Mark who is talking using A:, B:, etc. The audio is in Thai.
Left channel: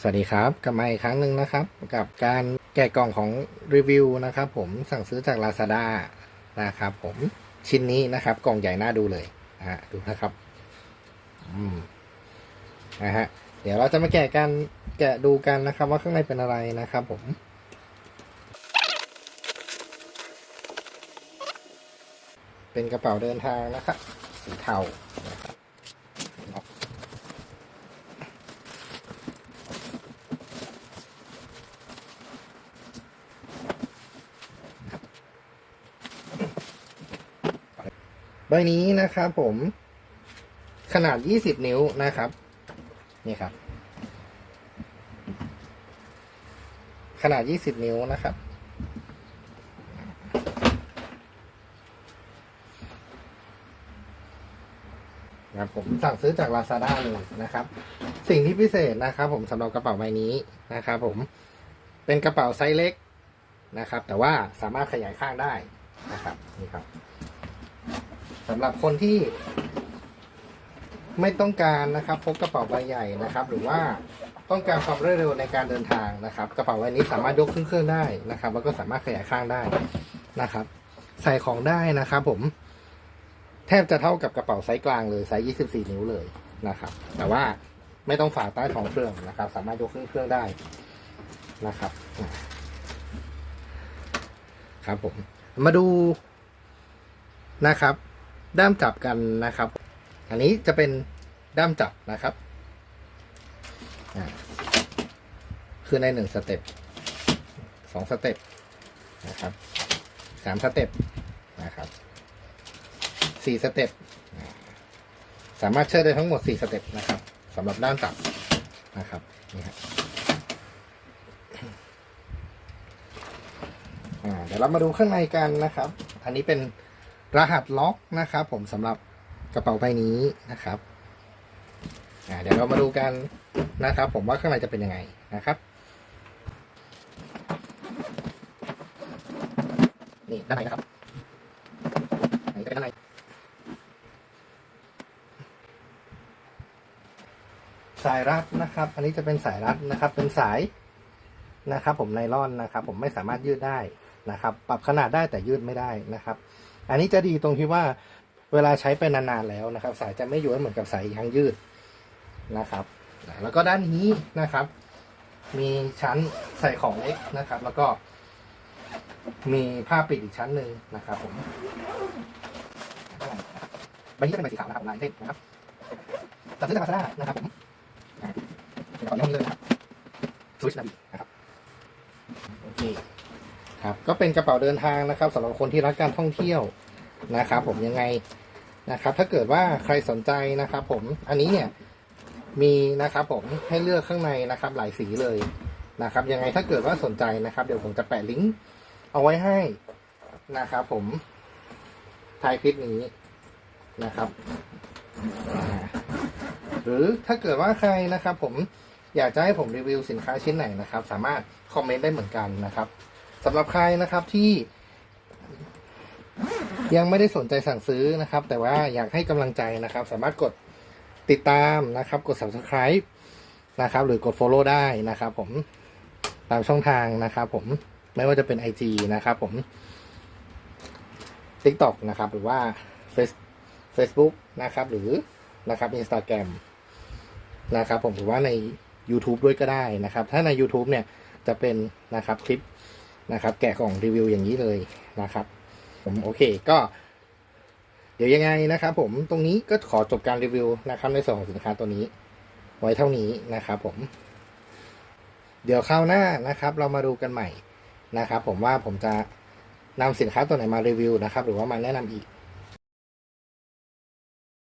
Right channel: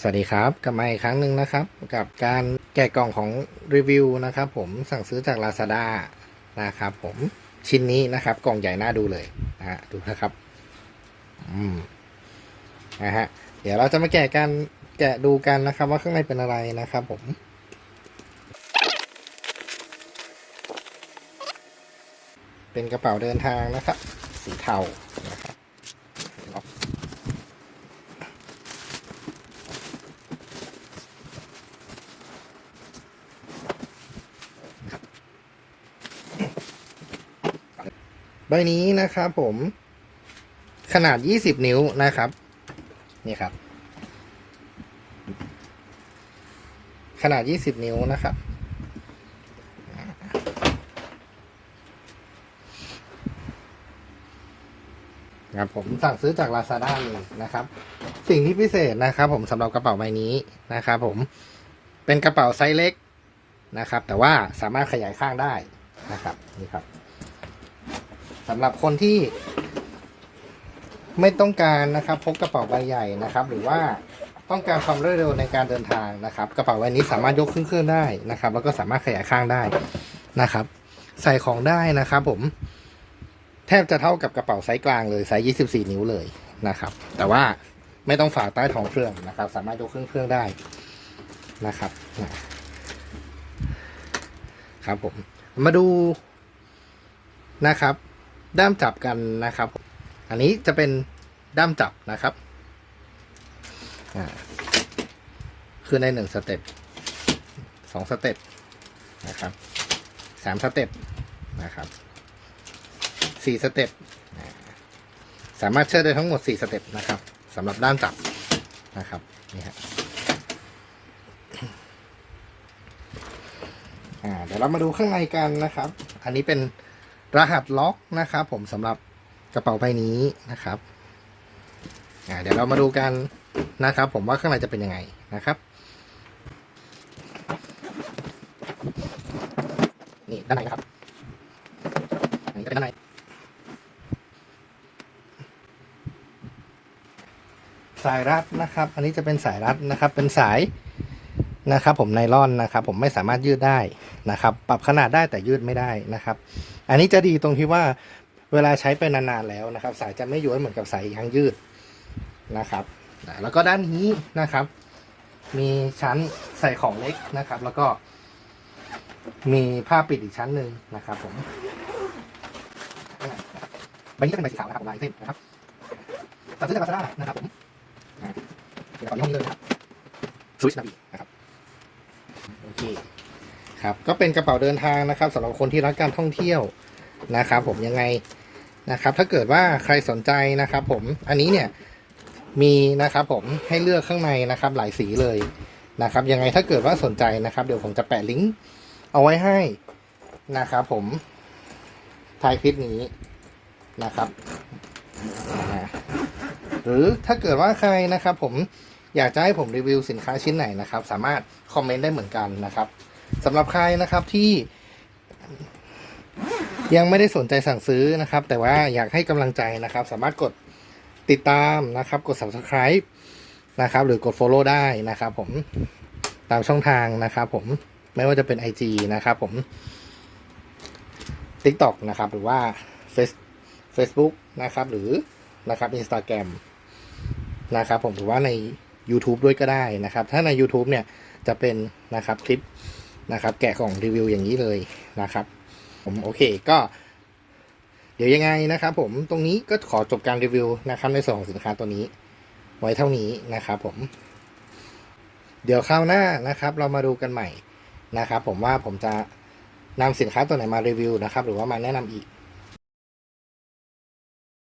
A: สวัสดีครับกลับมาอีกครั้งหนึ่งนะครับ กับการแกะกล่องของรีวิวนะครับผมสั่งซื้อจาก Lazada นะครับผมชิ้นนี้นะครับ กล่องใหญ่น่าดูเลยนะฮะดูนะครับ อืมนะฮะเดี๋ยวเราจะมาแกะกันแกะดูกันนะครับ ว่าข้างในเป็นอะไรนะครับ ผมเป็นกระเป๋าเดินทางนะครับ สีเทานะครับ ใบนี้นะครับผม ขนาด 20 นิ้วนะครับ นี่ครับ ขนาด 20 นิ้วนะครับ ครับผมสั่งซื้อจาก Lazada เลยนะครับ สิ่งที่พิเศษนะครับ ผมสำหรับกระเป๋าใบนี้นะครับผม เป็นกระเป๋าไซส์เล็กนะครับ แต่ว่าสามารถขยายข้างได้นะครับ นี่ครับ สำหรับคนที่ ไม่ต้องการนะครับพกกระเป๋าใบใหญ่นะครับ หรือว่าต้องการความรวดเร็วในการเดินทางนะครับ กระเป๋าใบนี้สามารถยกขึ้นเครื่องได้นะครับ แล้วก็สามารถขยายข้างได้นะครับ ใส่ของได้นะครับ ผม แทบจะเท่ากับกระเป๋าไซส์กลางเลยไซส์24 นิ้วเลยนะครับ แต่ว่าไม่ต้องฝากใต้ท้องเครื่องนะครับ สามารถยกขึ้นเครื่องได้นะครับครับผมมาดูนะครับ ด้ามจับกันนะครับ อันนี้จะเป็นด้ามจับนะครับ คือในหนึ่งสเต็ปสองสเต็ปนะครับสามสเต็ปนะครับสี่สเต็ปสามารถเชื่อได้ทั้งหมดสี่สเต็ปนะครับสำหรับด้ามจับนะครับนี่ครับอ่าเดี๋ยวเรามาดูข้างในกันนะครับ อันนี้เป็น รหัสล็อกนะครับ ผมสำหรับกระเป๋าใบนี้นะครับเดี๋ยวเรามาดูกันนะครับ ผมว่าข้างในจะเป็นยังไงนะครับนี่ด้านในนะครับอันนี้ก็เป็นด้านในสายรัดนะครับ อันนี้จะเป็นสายรัดนะครับ เป็นสาย นะครับผมไนลอนนะครับผมไม่สามารถยืดได้นะครับ ปรับขนาดได้แต่ยืดไม่ได้นะครับ อันนี้จะดีตรงที่ว่าเวลาใช้ไปนานๆแล้วนะครับ สายจะไม่ย้วยเหมือนกับสายยางยืดนะครับแล้วก็ด้านนี้นะครับ มีชั้นใส่ของเล็กนะครับ แล้วก็ มีผ้าปิดอีกชั้นหนึ่งนะครับ ผมใบนี้ก็เป็นใบสีขาวนะครับลายเส้นนะครับตัดซื้อจากลาซาด้านะครับผมเดี๋ยวขอย้อนนี้เลยนะครับสวิชนาบี โอเคครับก็เป็นกระเป๋าเดินทางนะครับสำหรับคนที่รักการท่องเที่ยวนะครับ ผมยังไงนะครับ ถ้าเกิดว่าใครสนใจนะครับ ผมอันนี้เนี่ยมีนะครับ ผมให้เลือกข้างในนะครับ หลายสีเลยนะครับ ยังไงถ้าเกิดว่าสนใจนะครับ เดี๋ยวผมจะแปะลิงก์เอาไว้ให้นะครับ ผมท้ายคลิปนี้นะครับ หรือถ้าเกิดว่าใครนะครับ ผม อยากจะให้ผมรีวิวสินค้าชิ้นไหนนะครับ สามารถคอมเมนต์ได้เหมือนกันนะครับสำหรับใครนะครับที่ยังไม่ได้สนใจสั่งซื้อนะครับ แต่ว่าอยากให้กำลังใจนะครับ สามารถกดติดตามนะครับ กด subscribe นะครับ หรือกด follow ได้นะครับ ผมตามช่องทางนะครับ ผมไม่ว่าจะเป็น IG นะครับ ผม TikTok นะครับ หรือว่า Facebook นะครับ หรือนะครับ Instagram นะครับ ผมหรือว่าใน YouTube ด้วยก็ได้นะครับ ถ้าใน YouTube เนี่ยจะเป็นนะครับคลิปนะครับ แกะกล่องรีวิวอย่างนี้เลยนะครับ ผมโอเคก็ เดี๋ยวยังไงนะครับ ผมตรงนี้ก็ขอจบการรีวิวนะครับ ในส่วนของสินค้าตัวนี้ ไว้เท่านี้นะครับผม เดี๋ยวคราวหน้านะครับ เรามาดูกันใหม่นะครับ ผมว่าผมจะนำสินค้าตัวไหนมารีวิวนะครับ หรือว่ามาแนะนำอีก